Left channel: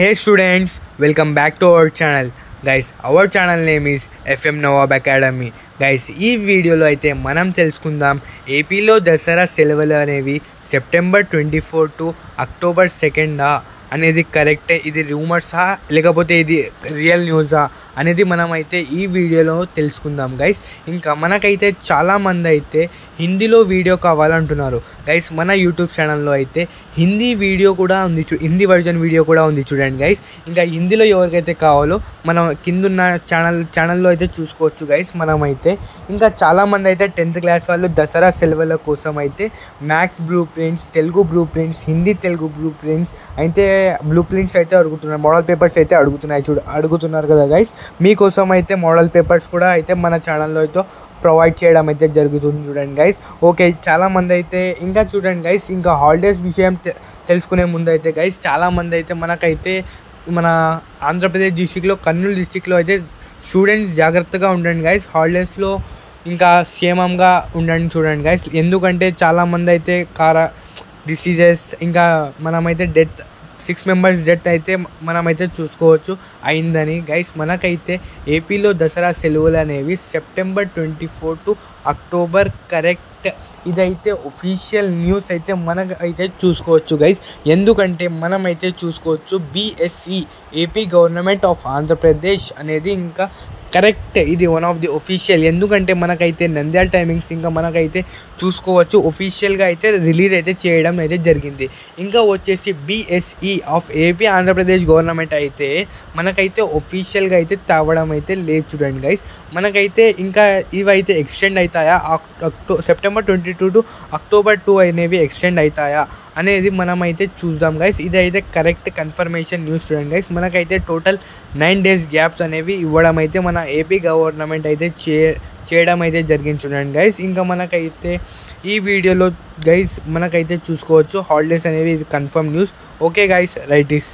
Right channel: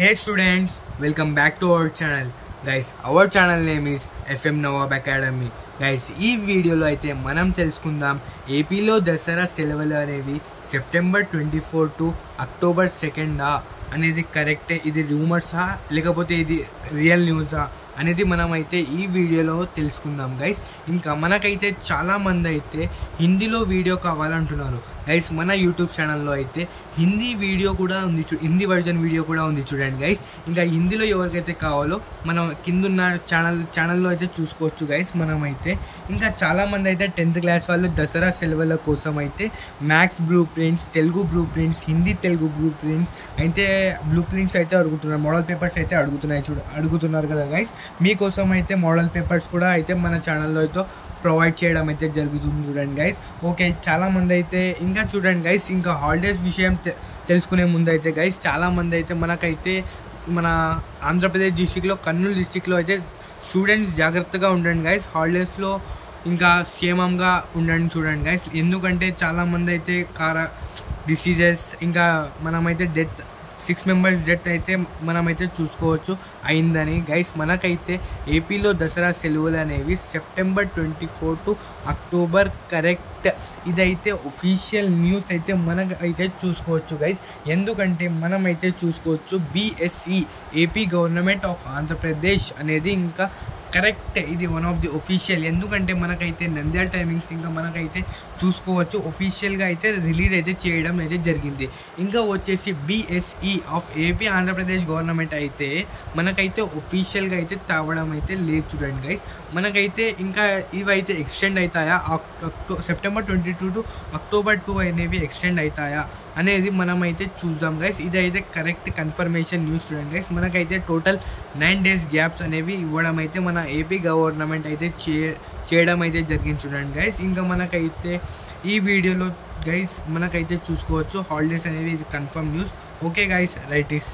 Hey students, welcome back to our channel. Guys, our channel name is FM Nawab Academy. Guys, ఈ వీడియోలో అయితే మనం తెలుసుకుందాం ఏపీలో దసరా సెలవులు అనేవి సెప్టెంబర్ 24 టు అక్టోబర్ 2 అనేది కరెక్టే, ఇది రూమర్సా లేకపోతే ఇది రియల్ న్యూసా అనేది మనమైతే ఈ వీడియోలో తెలుసుకుందాం గైస్. ఇంకా మనకైతే చాలామంది అయితే హిందీలో వీడియో కావాలంటున్నారు గైస్. మన యూట్యూబ్ ఛానల్లో అయితే హిందీ వీడియో కూడా ఉంది, హిందీ వర్జన్ వీడియో కూడా ఉంది చూడండి గైస్. ఇంకా హిందీలో ఎవరికైతే కావాలో మనం కిందున్న ఛానల్లో అయితే చూసుకోవచ్చు గైస్. మనమైతే ఇంకా చాలామంది అయితే 10th క్లాస్ వాళ్ళు దసరా సెలవుల కోసం అయితే maths blue prints, Telugu blue prints, Hindi Telugu blue prints అయితే అయితే అడుగుతున్నారు, మోడల్ పేపర్స్ అయితే అడుగుతున్నారు కదా గైస్. మీకోసం అయితే మోడల్ పేపర్స్ కూడా అయితే మన ఛానల్లో అయితే ప్రొవైడ్ చేయడం అయితే జరుగుతుంది చూడండి గైస్. ఓకే, చాలామంది అయితే ఇంకా చూడండి గైస్, ఇంకా హాలిడేస్ విషయం తెలుసుకునే ముందు అయితే గైస్ చాలామంది అయితే మనకైతే మన ఆంధ్రప్రదేశ్ డిస్టిక్లో కర్నూలు డిస్టిక్లో అయితే స్టూడెంట్స్ జాగ్రత్తగా ఉండండి గైస్. హాలిడేస్లో ఇంకా క్షేమంగా ఉండండి చూడండి గైస్. ఎందుకంటే చాలామంది అయితే డిసీజెస్ ఇంకా మనమైతే 6 మెంబర్స్ డెత్ అయితే మనమైతే చూసుకోవచ్చు అయిందని గైస్. మనకైతే ఏపీలో దసరా సెలవులు అనేవి సెప్టెంబర్ 24 టు అక్టోబర్ కరెక్ట్. ఇదైతే ఒఫీషియల్ న్యూస్ అయితే మనకైతే చూసుకోవచ్చు గైస్. ఎందుకంటే మనమైతే చూసుకోవచ్చు BSE AP government of Andhra Pradesh అనేది ఇంకా కరెక్ట్, ఇది వన్ ఆఫ్ ది ఒఫీషియల్. ఎందుకంటే మనకైతే నంద్యాల టైమింగ్స్ ఇంకా మనకైతే చూసుకోవచ్చు ఒఫీషియల్గా అయితే రిలీజ్ అయితే చేయడం అయితే జరిగింది. ఇంకా వచ్చేసి BSE of AP Andhra Pradesh government అయితే మనకైతే ఒఫీషియల్గా అయితే తేవడం అయితే లేదు చూడండి గైస్. మనకైతే ఇంకా ఇవైతే ఎక్స్టెండ్ అవుతాయా, సెప్టెంబర్ 22 టు అక్టోబర్ 2 అనేవి ఎక్స్టెండ్ అవుతాయా అనేది మనమైతే చూద్దాం గైస్. ఇదైతే కరెక్ట్ కన్ఫర్మేషన్ న్యూస్ చూడండి గైస్. మనకైతే టోటల్ 9 days గ్యాప్స్ అనేవి ఇవ్వడం అయితే మన ఏపీ గవర్నమెంట్ అయితే చేయడం అయితే జరిగింది చూడండి గైస్. ఇంకా మనకైతే ఈ వీడియోలో గైస్ మనకైతే చూసుకోవచ్చు హాలిడేస్ అనేవి ఇది confirm news. Okay guys, right is